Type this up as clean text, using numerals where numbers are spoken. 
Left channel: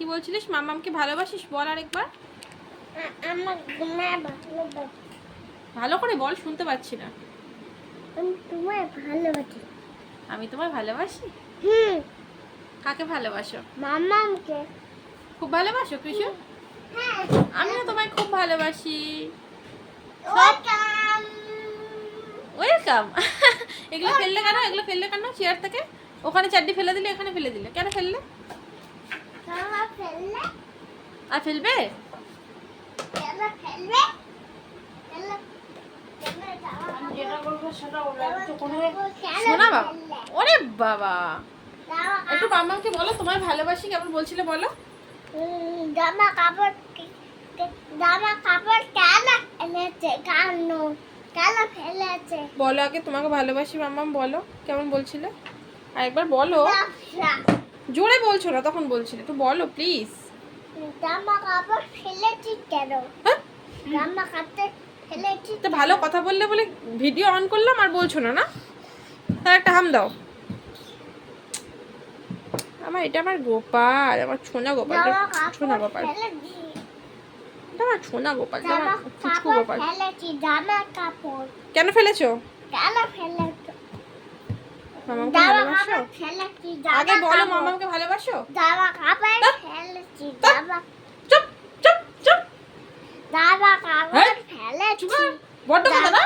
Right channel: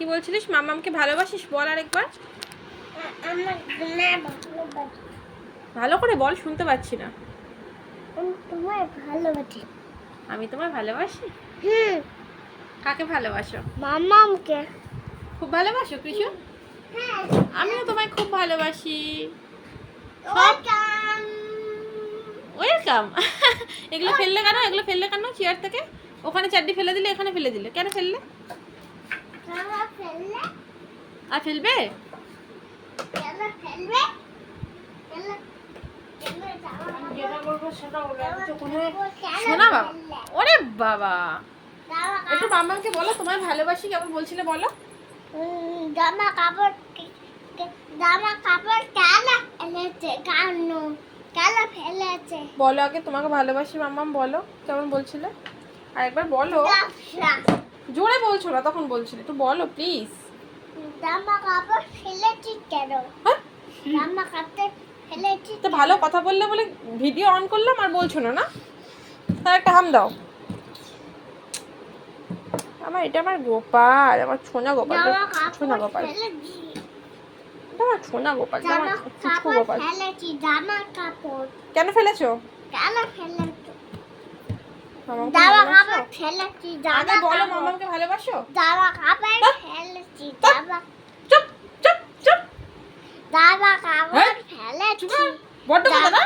কি বলছিলিস? মামামকে ভালোবাসিস? বল আরেকবার। ভালো করে বল, শুনতে পাচ্ছি না। তোমায় ভালোবাসি। আমি তোমায় ভালোবাসি? কাকে ভালোবাসো? মামামকে। খুব ভালোবাসো কৃষু? হ্যাঁ। আমিও তোমায় খুব ভালোবাসি। ওয়েলকাম। ওয়েলকাম। এগুলো ফেললে কেন? এগুলো ফেললে কেন চেয়ার থেকে? ওখানে চারটি ফেলে দিলে, এখানে ফেলে দিলে কেন? ফেললে খাবার ফেললে? আর ফেলবে? খাবার ফেলবে? ফেললে? শোনা বাবা, ওরে বাবা, একটু মামাকে বলো তোমায় ভালোবাসি, কেমন বলছিলে বলো। জামা কাপড় কেন এনেছে? কেন ফেলেছে? বলো আগে তোমাকে ভালোবাসি মামাম, বলো কেমন বলছিলে, আরেকবার বলো। জোরে বলছো না, তখন বলছিলে, একটু বলো প্লিজ। জামা কাপড় ফেলেছি কেন? জামা কাপড় ফেলেছি। তো ভালো কথা বললে বলে ভিডিও অন করলাম আর বলছো না, না? তার একটা হাম দাও। এটা আমার গোপাল, আমার ছোনা গোপাল, ছোনা গোপাল, এটা আমার ছোনা গোপাল, জামা ফুচকু কাপড় গোপাল। ফেলেছি। জামা কাপড় কেন ফেলেছো? কেন ফেলেছো? মামাকে জামা ভালোবাসো? কাপড় ফেলেছি। আগে বলো মামাকে ভালোবাসো। জামা কাপড় ফেলেছি। চুপ চুপ চুপ। জামা কাপড় হ্যাঁ? ফেলেছি। বড্ড কথা না?